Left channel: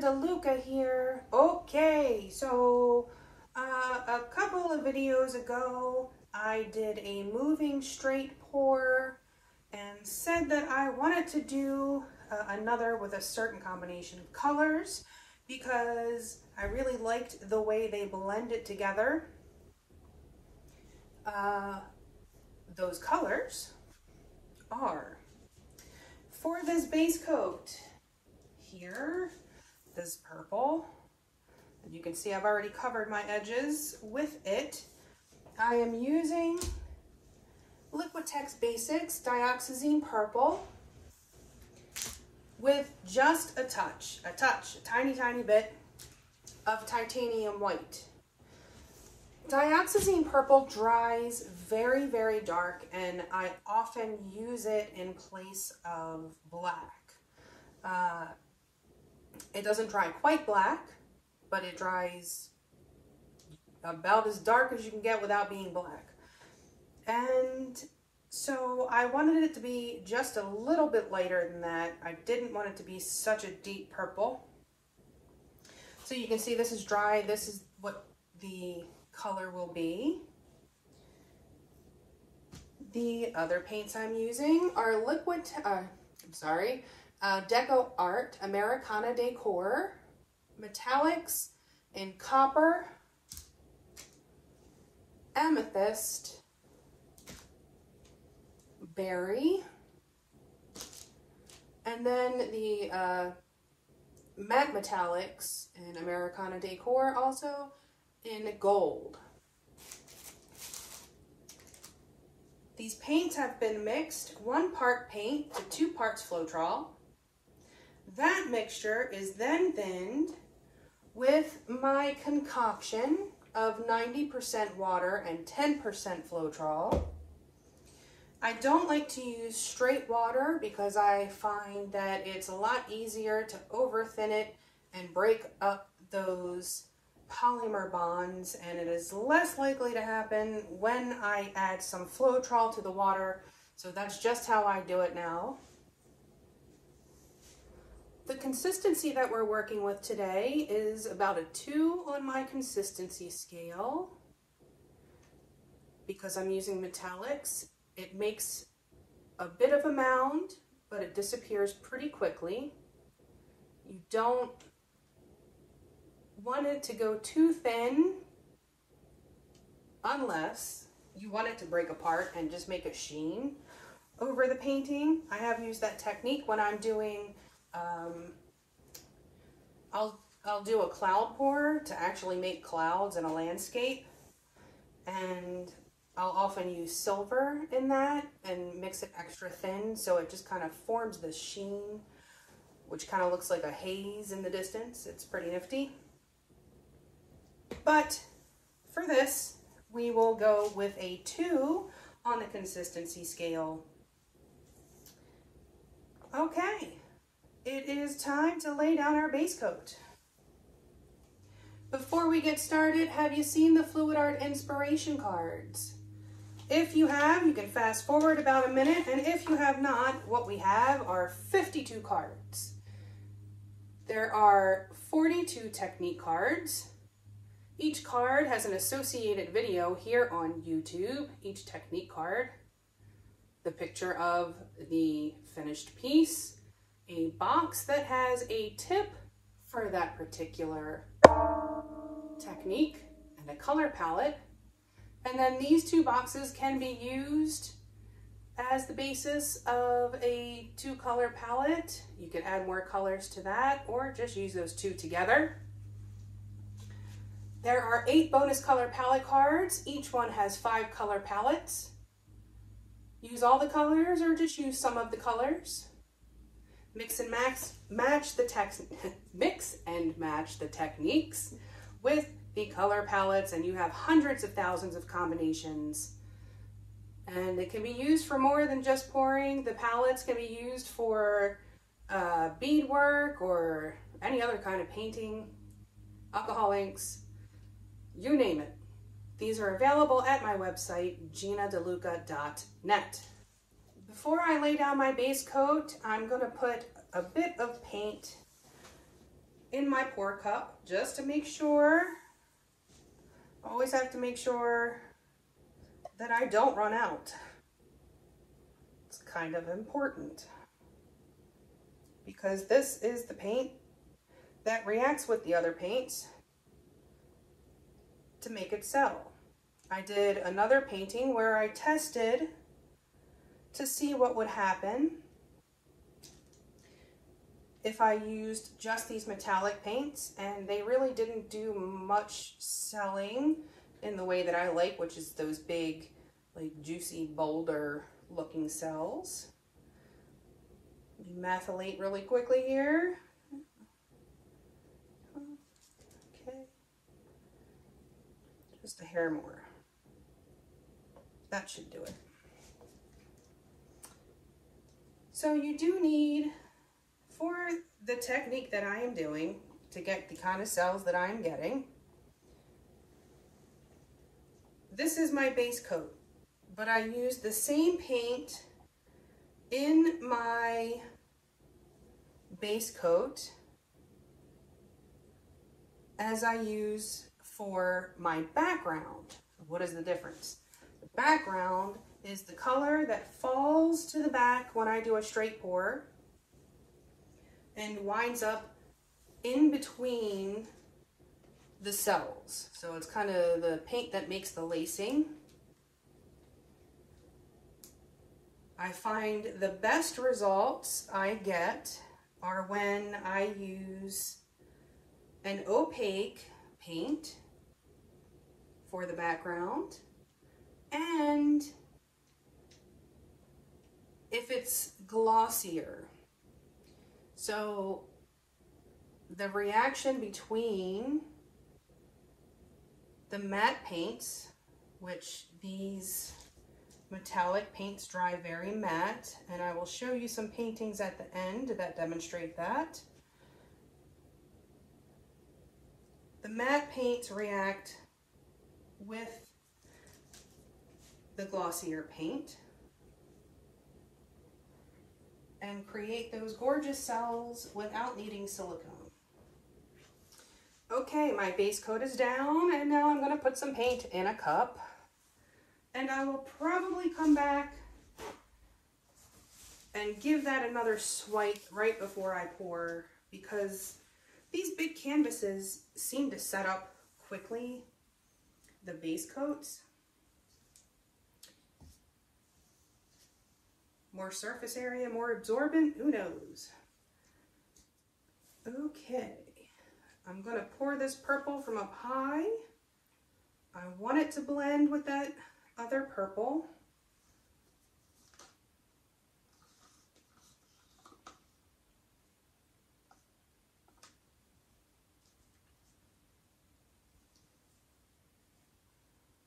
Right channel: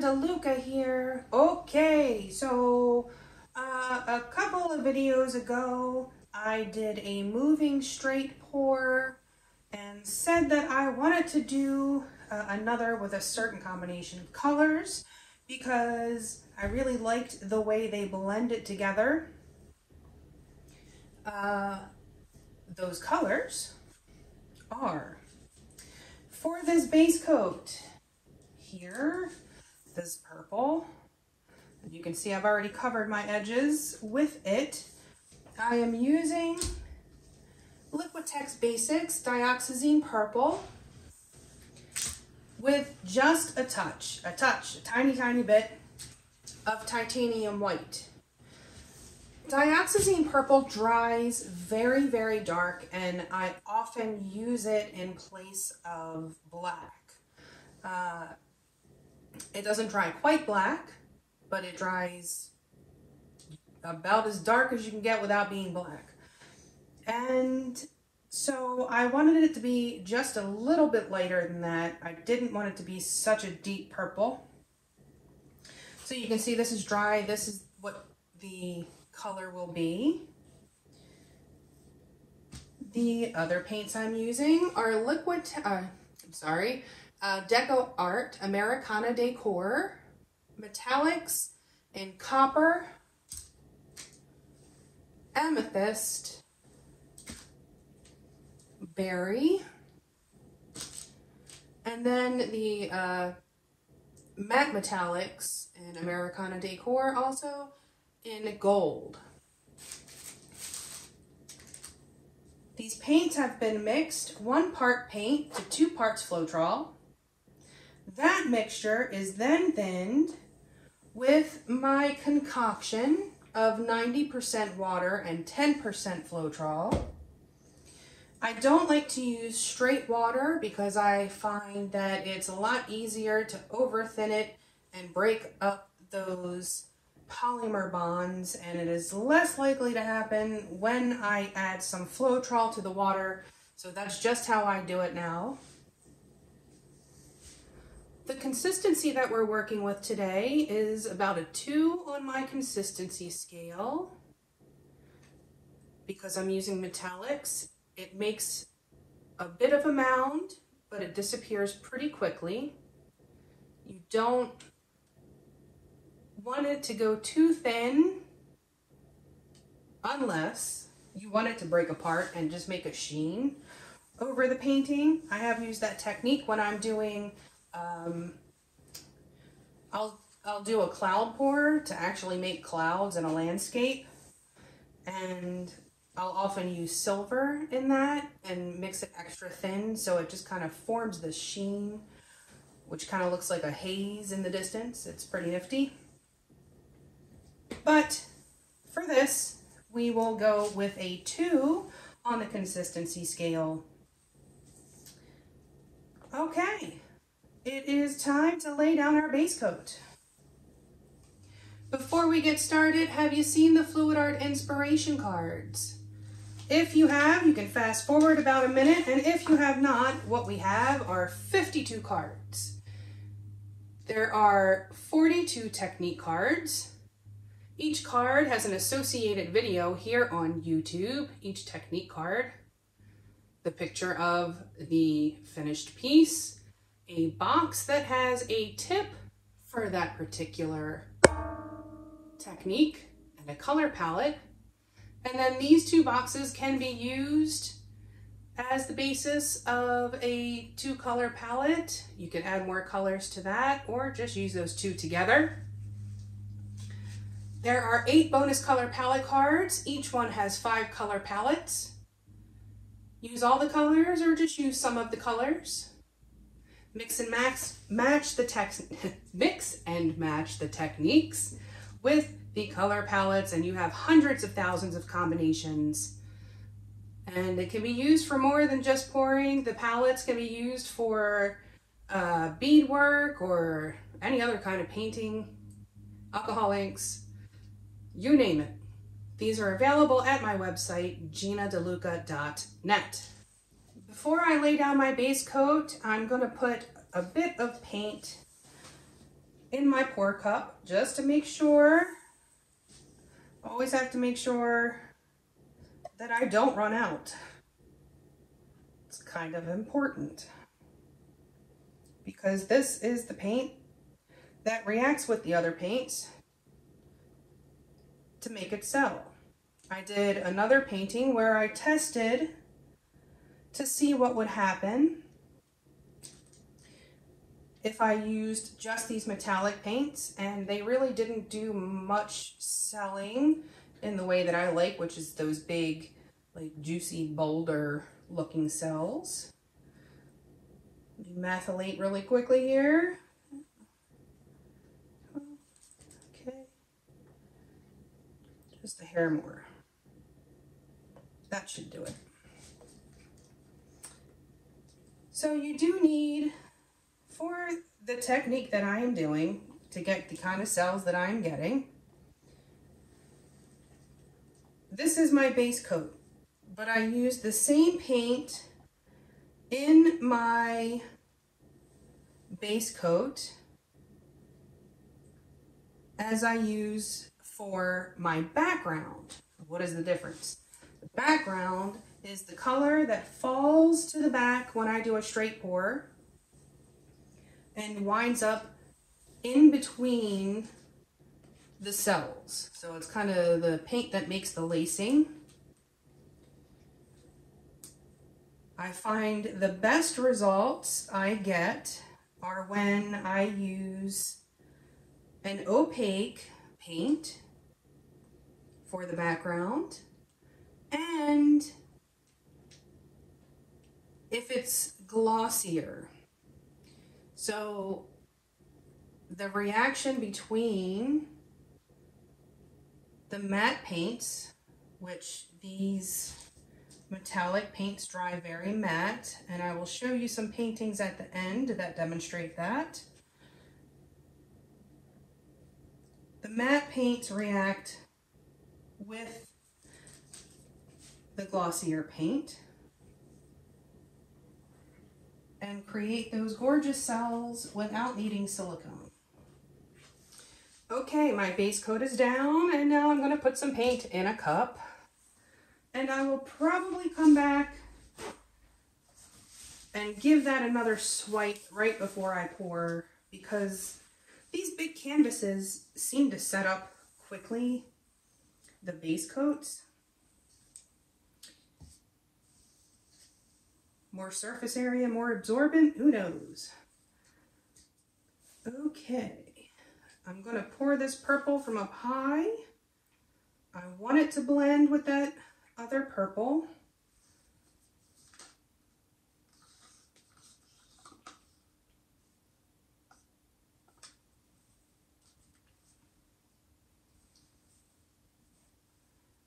DeLuca here. Okay, so a couple of videos ago, I did a moving straight pour and said that I wanted to do another with a certain combination of colors because I really liked the way they blended together. Those colors are, for this base coat here, this purple, and you can see I've already covered my edges with it. I am using Liquitex Basics Dioxazine Purple with just a tiny bit of titanium white. Dioxazine Purple dries very, very dark, and I often use it in place of black. It doesn't dry quite black, but it dries about as dark as you can get without being black. And so I wanted it to be just a little bit lighter than that. I didn't want it to be such a deep purple. So you can see this is dry. This is what the color will be. The other paints I'm using are DecoArt Americana Decor Metallics in Copper, Amethyst, Berry, and then the matte metallics in Americana Decor also in Gold. These paints have been mixed 1 part paint to 2 parts Floetrol. That mixture is then thinned with my concoction of 90% water and 10% Floetrol. I don't like to use straight water because I find that it's a lot easier to over thin it and break up those polymer bonds, and it is less likely to happen when I add some Floetrol to the water. So that's just how I do it now. The consistency that we're working with today is about a 2 on my consistency scale. Because I'm using metallics, it makes a bit of a mound, but it disappears pretty quickly. You don't want it to go too thin unless you want it to break apart and just make a sheen over the painting. I have used that technique when I'm doing, I'll do a cloud pour to actually make clouds in a landscape, and I'll often use silver in that and mix it extra thin so it just kind of forms this sheen, which kind of looks like a haze in the distance. It's pretty nifty. But for this, we will go with a 2 on the consistency scale. Okay, it is time to lay down our base coat. Before we get started, have you seen the Fluid Art inspiration cards? If you have, you can fast forward about a minute, and if you have not, what we have are 52 cards. There are 42 technique cards. Each card has an associated video here on YouTube, each technique card, the picture of the finished piece, a box that has a tip for that particular technique, and a color palette. And then these 2 boxes can be used as the basis of a 2-color palette. You can add more colors to that or just use those 2 together. There are 8 bonus color palette cards. Each one has 5 color palettes. Use all the colors or just use some of the colors. Mix and match the techniques with the color palettes, and you have hundreds of thousands of combinations. And it can be used for more than just pouring. The palettes can be used for beadwork or any other kind of painting, alcohol inks, you name it. These are available at my website, ginadeluca.net. Before I lay down my base coat, I'm going to put a bit of paint in my pour cup just to make sure, always have to make sure that I don't run out. It's kind of important because this is the paint that reacts with the other paints to make it sell. I did another painting where I tested to see what would happen if I used just these metallic paints, and they really didn't do much selling in the way that I like, which is those big, like juicy boulder looking cells. Methylate really quickly here. Okay. Just a hair more. That should do it. So you do need, for the technique that I am doing to get the kind of cells that I'm getting, this is my base coat, but I use the same paint in my base coat as I use for my background. What is the difference? The background is the color that falls to the back when I do a straight pour and winds up in between the cells. So it's kind of the paint that makes the lacing. I find the best results I get are when I use an opaque paint for the background, and if it's glossier. So the reaction between the matte paints, which these metallic paints dry very matte, and I will show you some paintings at the end that demonstrate that. The matte paints react with the glossier paint and create those gorgeous cells without needing silicone. Okay, my base coat is down, and now I'm going to put some paint in a cup, and I will probably come back and give that another swipe right before I pour, because these big canvases seem to set up quickly, the base coats. More surface area, more absorbent, who knows? Okay, I'm gonna pour this purple from up high. I want it to blend with that other purple.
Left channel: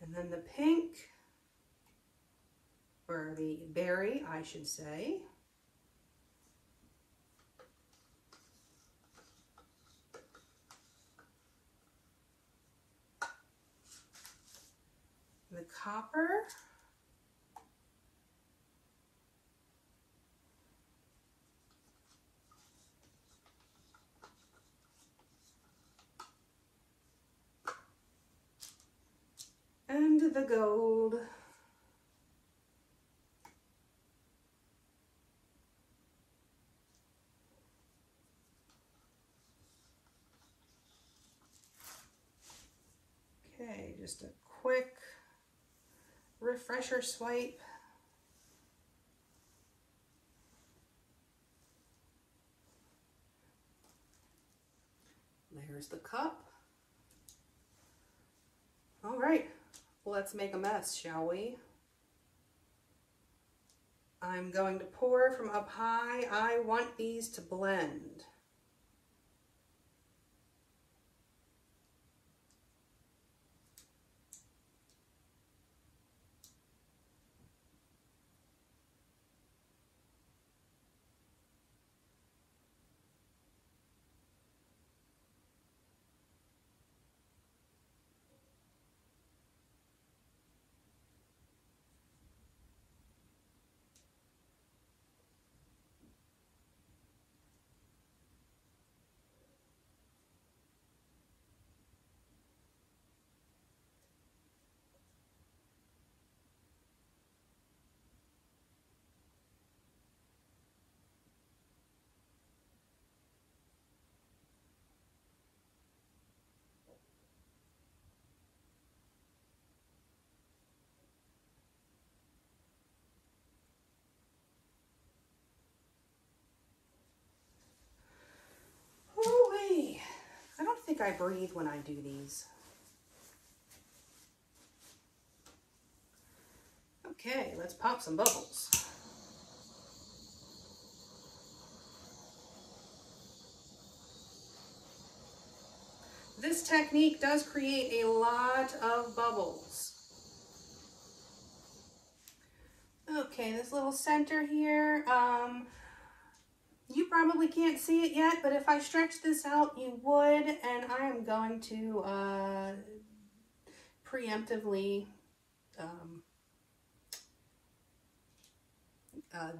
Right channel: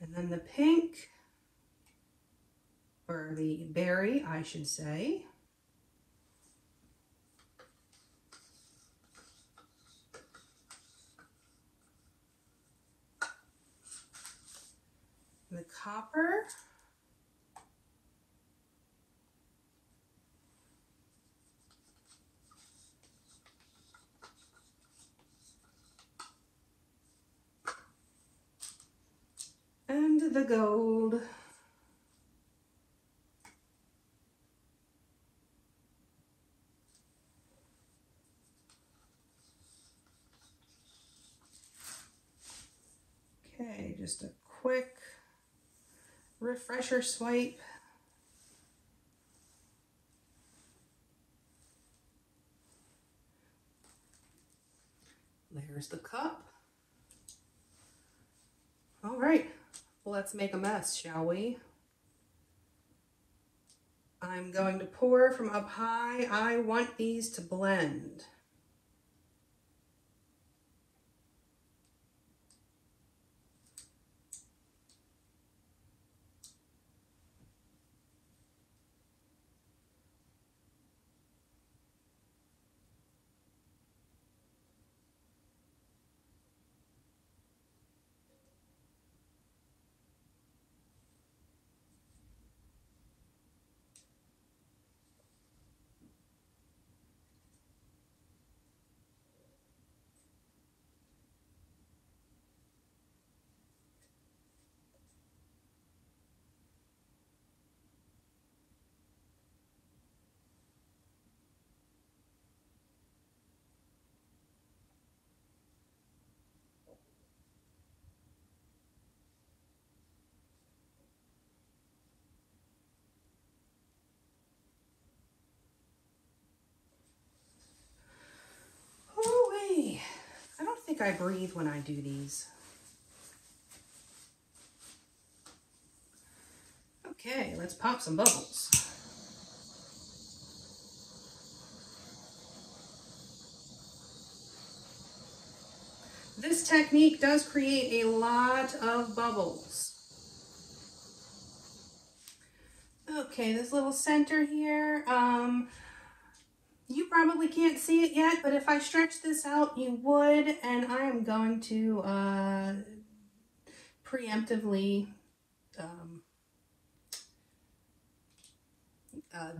And then the pink, or the berry, I should say. The copper. And the gold. Okay, just a quick refresher swipe. There's the cup. All right, let's make a mess, shall we? I'm going to pour from up high. I want these to blend. I breathe when I do these. Okay, let's pop some bubbles. This technique does create a lot of bubbles. Okay, this little center here, you probably can't see it yet, but if I stretch this out, you would, and I am going to preemptively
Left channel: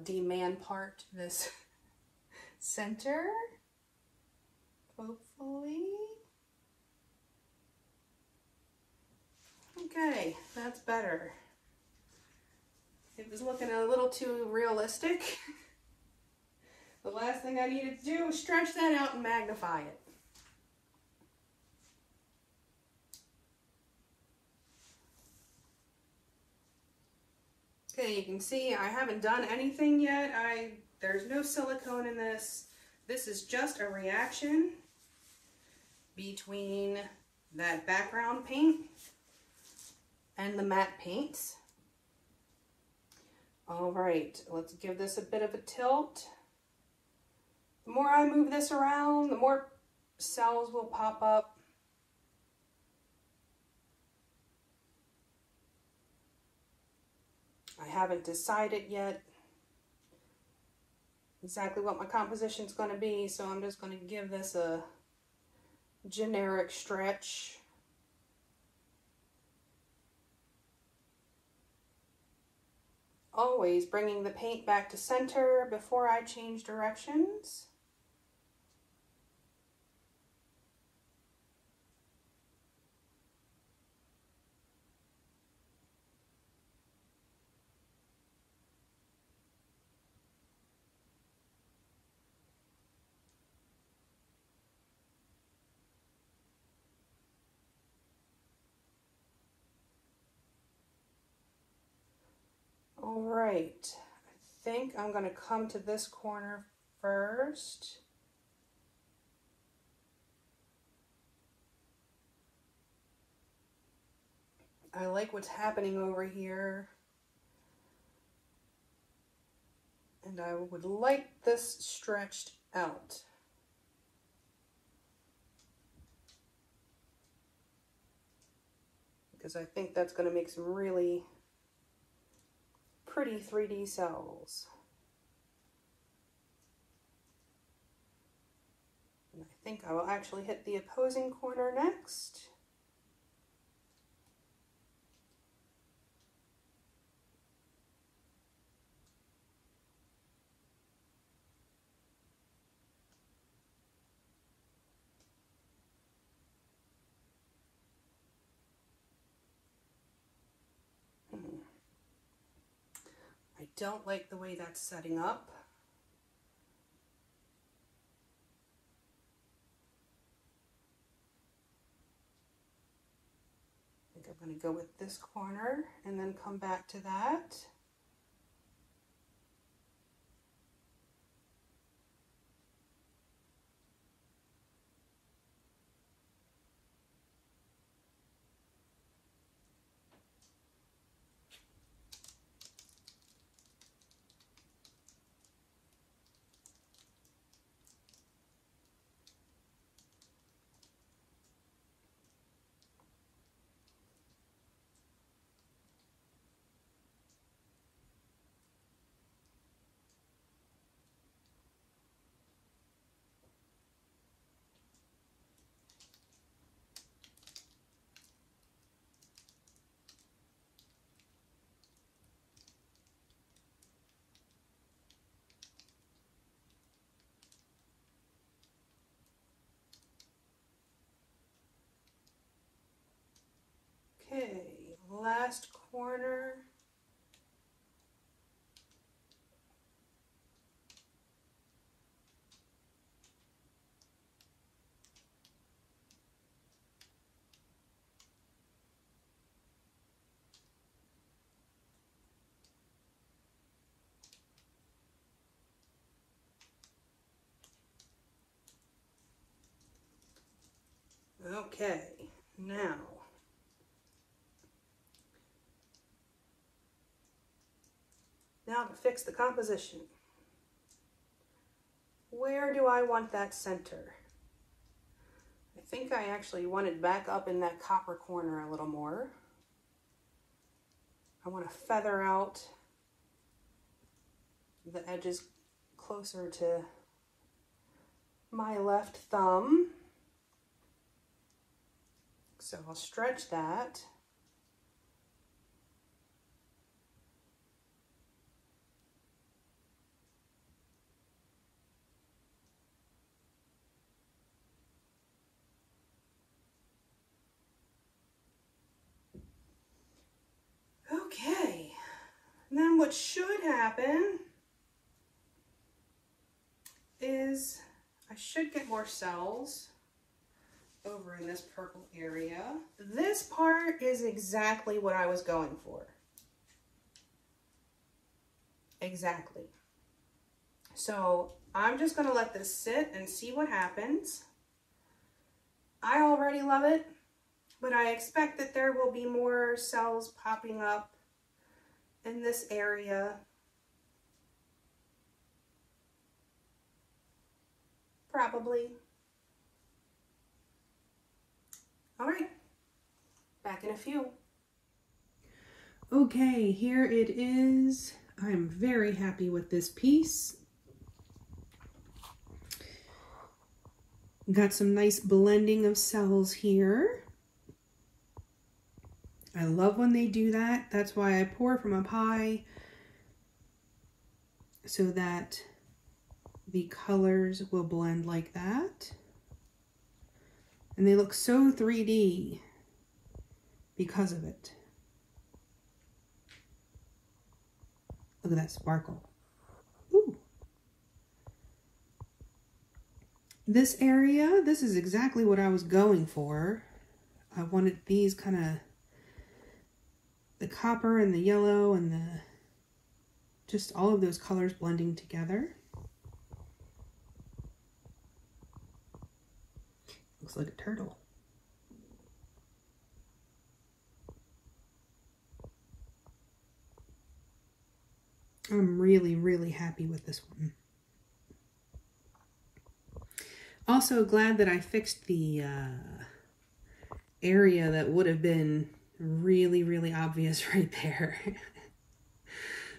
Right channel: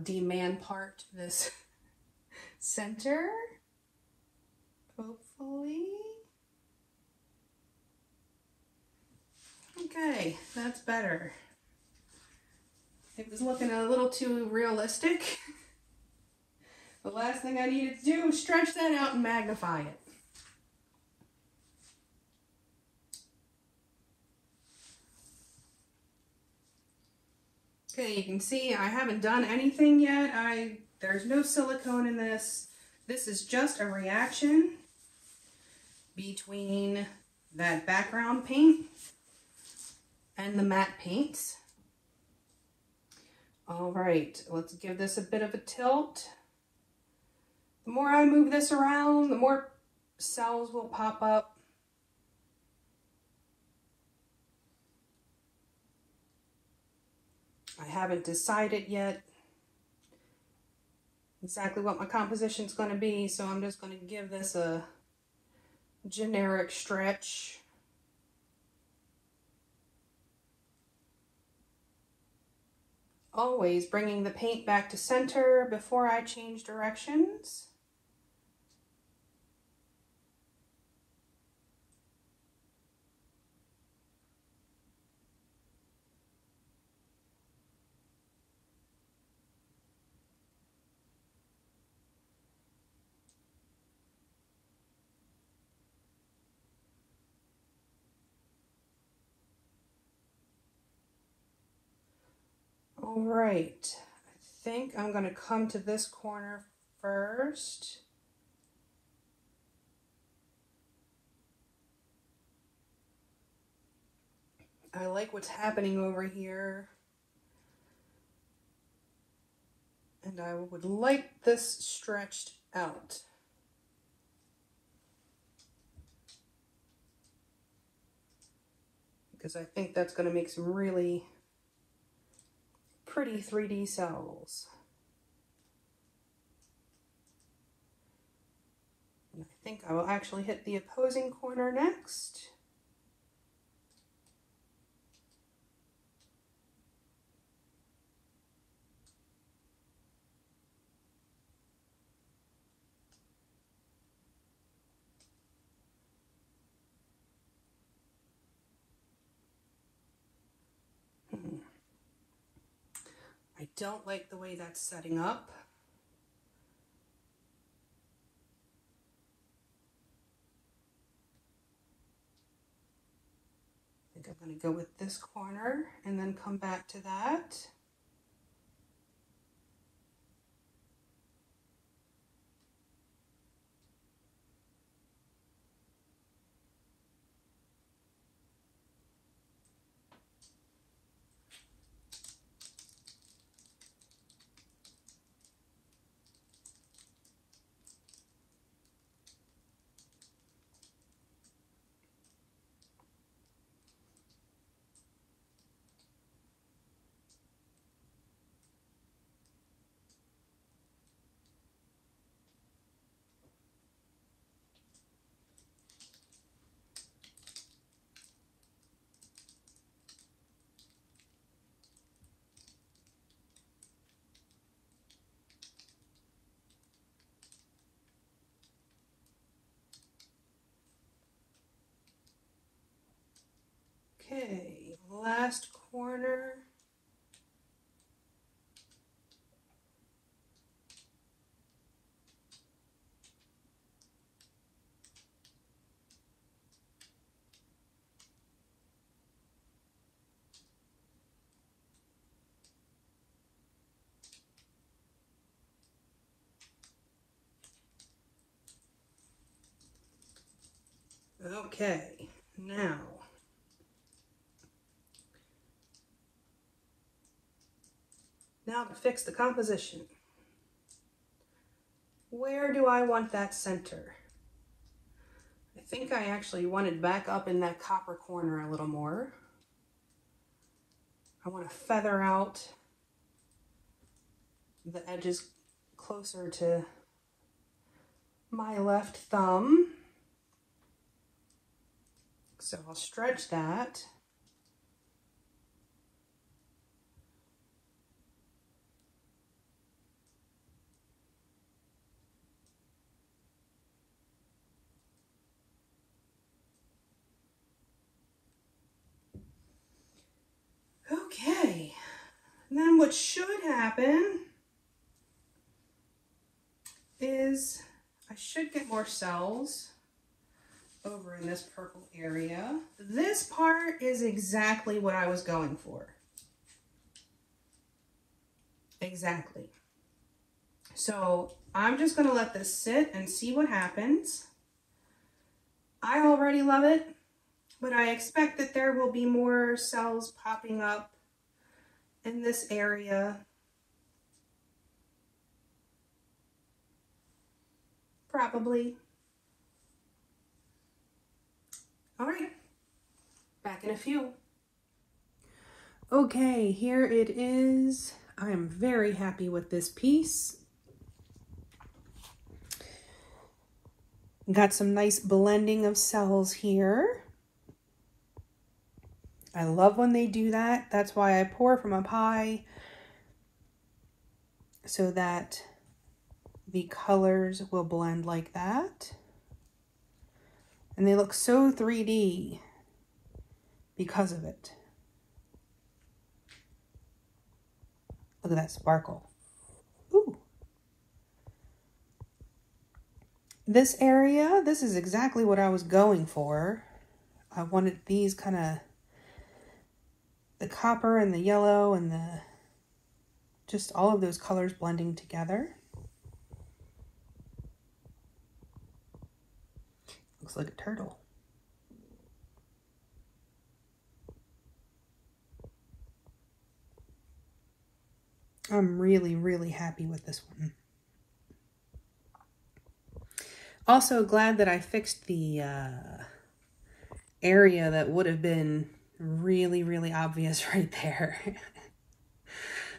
demand part this center, hopefully. Okay, that's better. It was looking a little too realistic. The last thing I needed to do was stretch that out and magnify it. Okay, you can see I haven't done anything yet. There's no silicone in this. This is just a reaction between that background paint and the matte paints. All right, let's give this a bit of a tilt. The more I move this around, the more cells will pop up. I haven't decided yet exactly what my composition is going to be, so I'm just going to give this a generic stretch. Always bringing the paint back to center before I change directions. All right, I think I'm going to come to this corner first. I like what's happening over here. And I would like this stretched out. Because I think that's going to make some really pretty 3D cells. And I think I will actually hit the opposing corner next. I don't like the way that's setting up. I think I'm going to go with this corner and then come back to that. Okay, last corner. Okay, now to fix the composition. Where do I want that center? I think I actually want it back up in that copper corner a little more. I want to feather out the edges closer to my left thumb. So I'll stretch that. Okay, and then what should happen is I should get more cells over in this purple area. This part is exactly what I was going for. Exactly. So I'm just gonna let this sit and see what happens. I already love it, but I expect that there will be more cells popping up in this area. Probably. All right, back in a few. Okay, here it is. I'm very happy with this piece. Got some nice blending of cells here. I love when they do that. That's why I pour from up high, so that the colors will blend like that. And they look so 3D because of it. Look at that sparkle. Ooh. This area, this is exactly what I was going for. I wanted these kind of, the copper and the yellow and the, just all of those colors blending together. Looks like a turtle. I'm really, really happy with this one. Also glad that I fixed the area that would have been really, really obvious right there.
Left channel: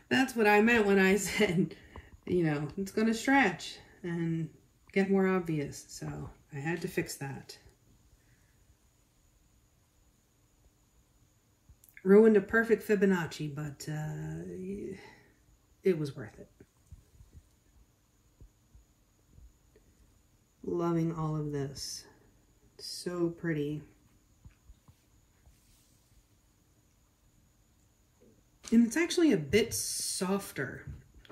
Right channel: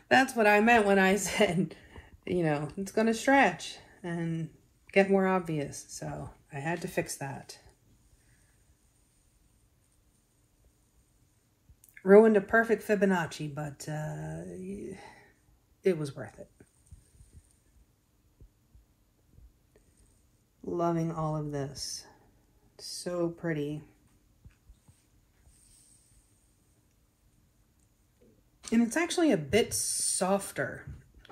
That's what I meant when I said, you know, it's going to stretch and get more obvious. So I had to fix that. Ruined a perfect Fibonacci, but it was worth it. Loving all of this. So pretty. And it's actually a bit softer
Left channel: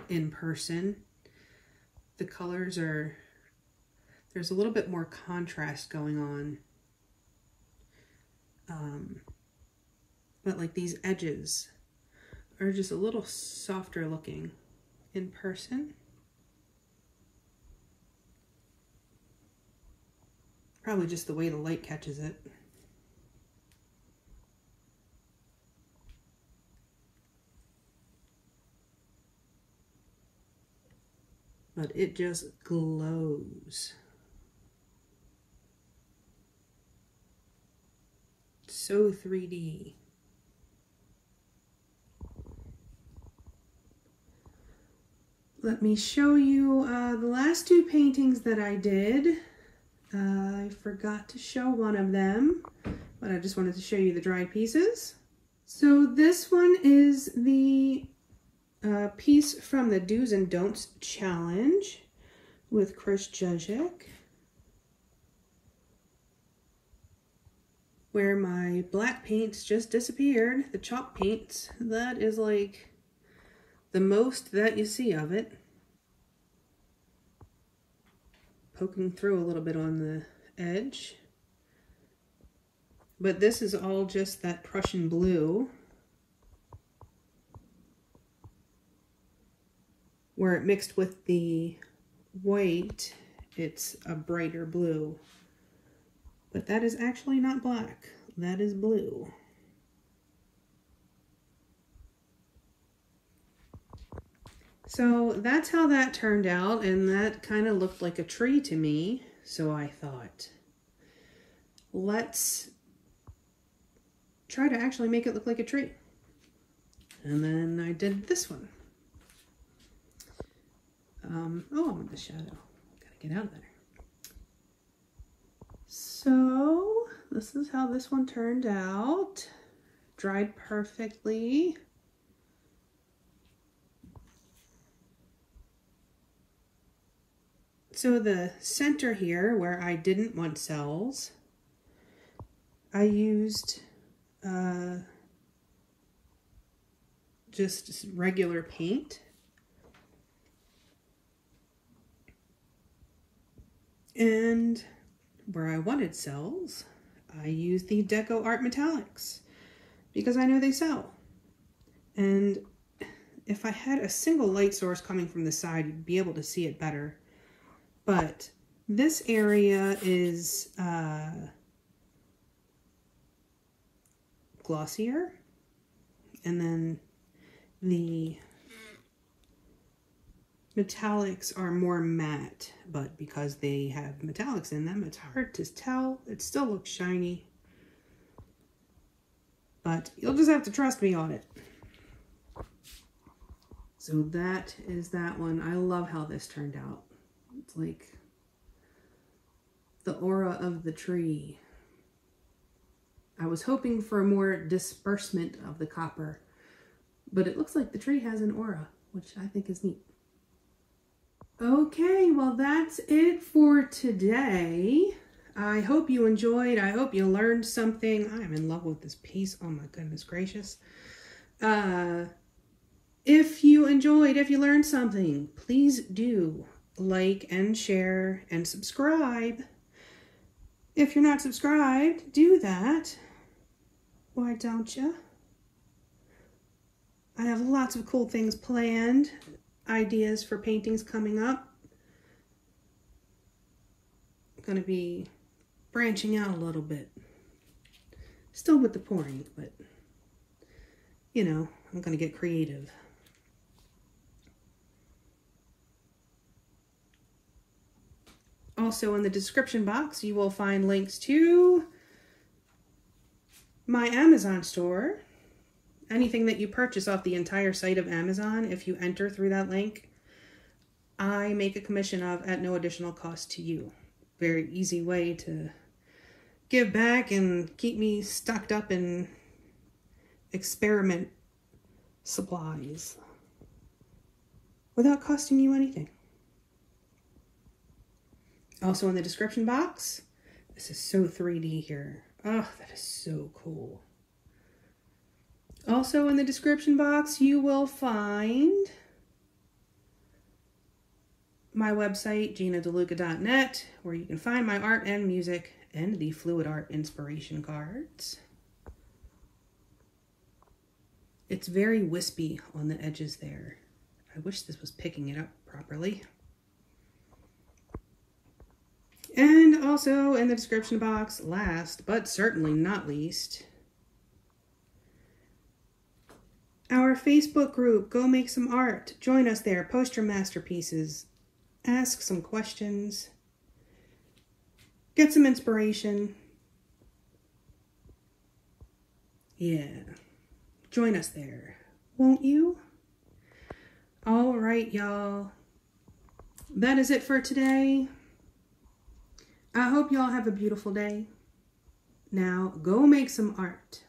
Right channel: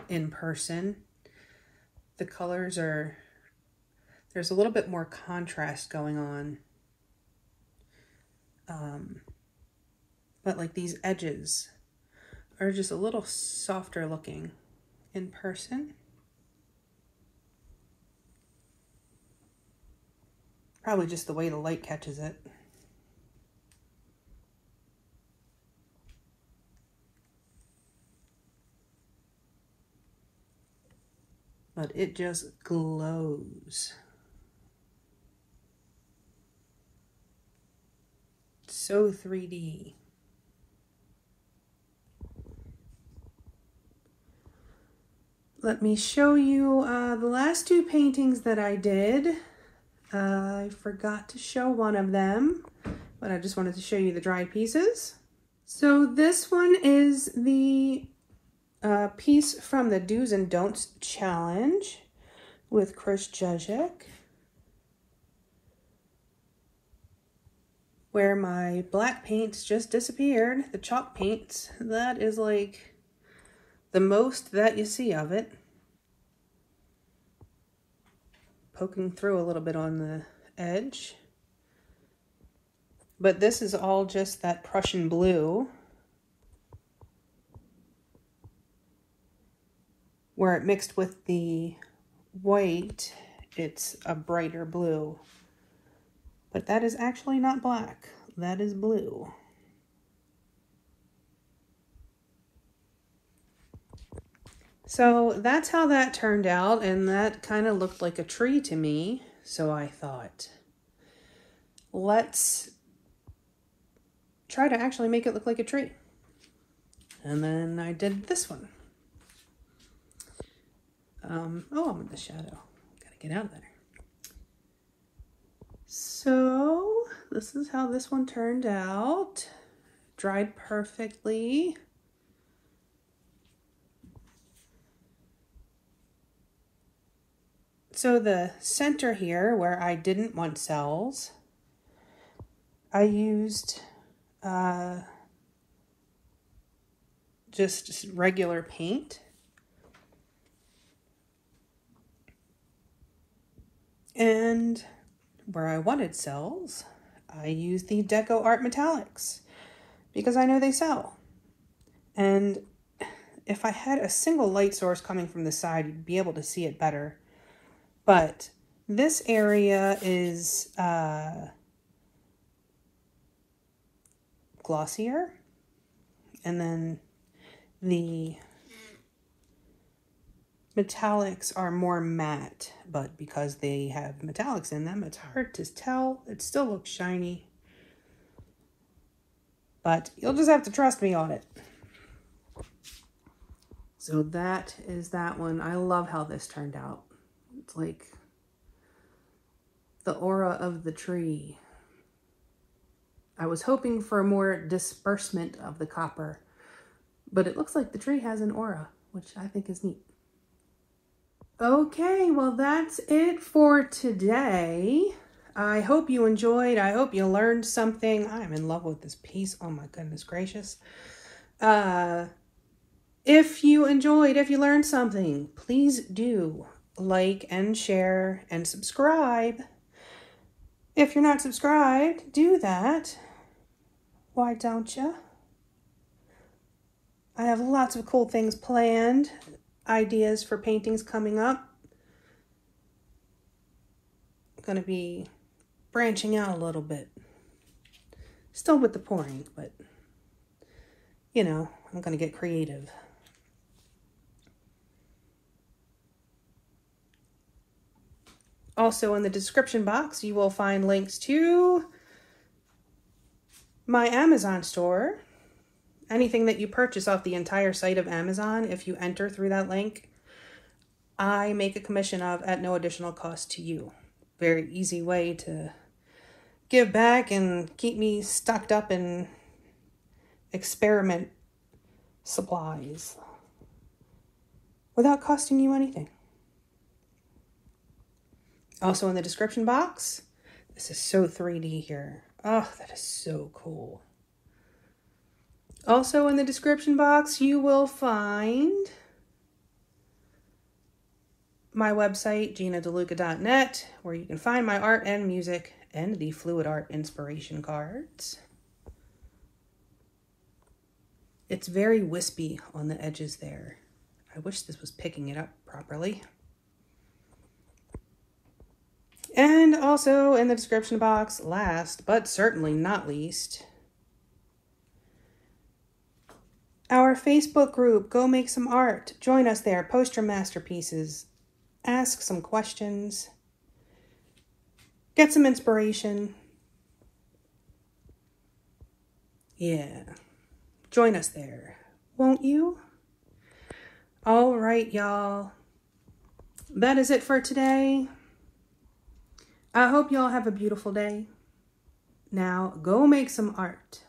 in person. The colors are, there's a little bit more contrast going on. But like these edges are just a little softer looking in person. Probably just the way the light catches it. But it just glows. So 3D. Let me show you the last two paintings that I did. I forgot to show one of them, but I just wanted to show you the dried pieces. So this one is the piece from the Do's and Don'ts Challenge with Chris Jezek, where my black paints just disappeared, the chalk paints. That is like the most that you see of it. Poking through a little bit on the edge. But this is all just that Prussian blue, where it mixed with the white, it's a brighter blue. But that is actually not black. That is blue. So that's how that turned out, and that kind of looked like a tree to me. So I thought, let's try to actually make it look like a tree. And then I did this one. Oh, I'm in the shadow. Gotta get out there. So this is how this one turned out. Dried perfectly. So the center here, where I didn't want cells, I used just regular paint. And where I wanted cells, I used the DecoArt Metallics because I know they sell. And if I had a single light source coming from the side, you'd be able to see it better. But this area is glossier, and then the metallics are more matte, but because they have metallics in them, it's hard to tell. It still looks shiny, but you'll just have to trust me on it. So that is that one. I love how this turned out. It's like the aura of the tree. I was hoping for more disbursement of the copper, but it looks like the tree has an aura, which I think is neat. Okay, well, that's it for today. I hope you enjoyed. I hope you learned something. I'm in love with this piece. Oh my goodness gracious. If you enjoyed, if you learned something, please do like and share and subscribe. If you're not subscribed, do that. Why don't you? I have lots of cool things planned. Ideas for paintings coming up. I'm going to be branching out a little bit. Still with the pouring, but you know, I'm going to get creative. Also in the description box, you will find links to my Amazon store. Anything that you purchase off the entire site of Amazon, if you enter through that link, I make a commission of at no additional cost to you. Very easy way to give back and keep me stocked up in experiment supplies without costing you anything. Also in the description box, this is so 3D here. Oh, that is so cool. Also in the description box, you will find my website, GinaDeLuca.net, where you can find my art and music and the fluid art inspiration cards. It's very wispy on the edges there. I wish this was picking it up properly. And also in the description box, last but certainly not least, our Facebook group, Go Make Some Art. Join us there, post your masterpieces, ask some questions, get some inspiration. Yeah, join us there, won't you? All right, y'all. That is it for today. I hope y'all have a beautiful day. Now, go make some art.